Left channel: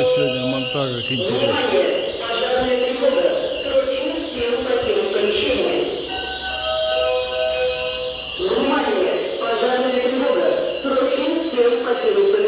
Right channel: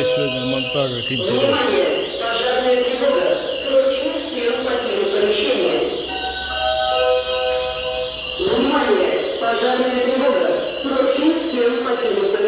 Ой, сегодня монтаж как интересно. Пожарная тревога. Срочно всем покинуть помещение. Внимание! Пожарная тревога. Срочно всем покинуть помещение.